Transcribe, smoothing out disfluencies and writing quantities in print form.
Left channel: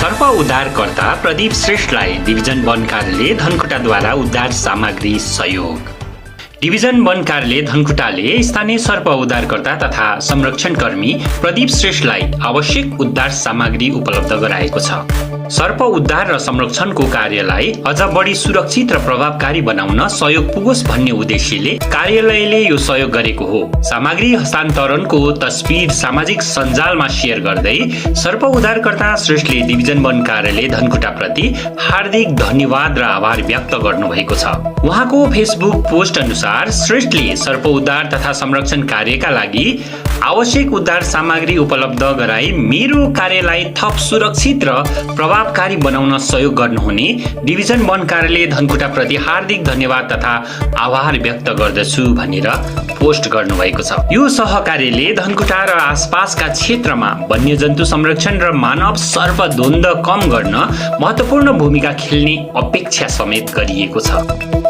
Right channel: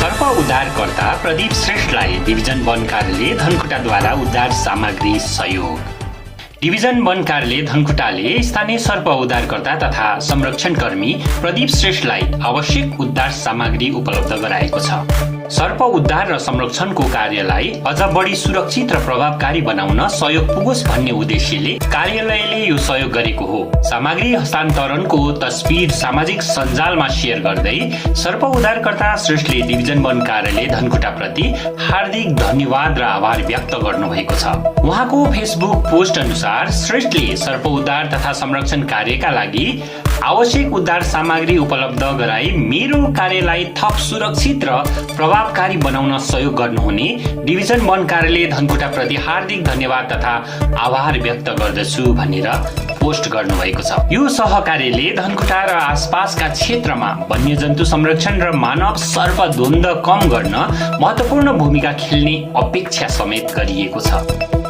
सर्प उद्धारकर्ता प्रदीप श्रेष्ठलाई डिभिजन वन कार्यालय धनकुटाद्वारा उद्धार सामग्री सहयोग। डिभिजन वन कार्यालय धनकुटाले स्थानीय सर्प उद्धारकर्ता तथा संरक्षणकर्मी प्रदीप श्रेष्ठलाई आवश्यक उद्धार सामग्री उपलब्ध गराएको छ। सर्प उद्धार र संरक्षणको कार्यलाई अझ बढी सुरक्षित र प्रभावकारी बनाउन सहयोग पुगोस् भन्ने उद्देश्यले कार्यालयले यो सहयोग गरेको हो। सामग्री हस्तान्तरणको तस्बिर सामाजिक सञ्जालमा शेयर गर्दै सर्प उद्धारकर्ता श्रेष्ठले डिभिजन वन कार्यालय धनकुटा प्रति हार्दिक धन्यवाद र आभार व्यक्त गर्नुभएको छ। उहाँको फेसबुक पोस्ट अनुसार श्रेष्ठले सर्प उद्धार तथा संरक्षण कार्यका लागि आवश्यक उद्धार सामग्री उपलब्ध गराई मेरो कार्यलाई थप सुरक्षित र प्रभावकारी बनाउन सहयोग गर्नुहुने डिभिजन वन कार्यालय धनकुटा प्रति हार्दिक धन्यवाद तथा आभार व्यक्त गर्दछु भनेर पोस्ट गर्नुभएको छ। यो सहकार्यले धनकुटा र आसपासका क्षेत्रमा वन्यजन्तु संरक्षण र मानव सर्प द्वन्द्व कम गर्न महत्वपूर्ण भूमिका खेल्ने अपेक्षा समेत गरिएको छ।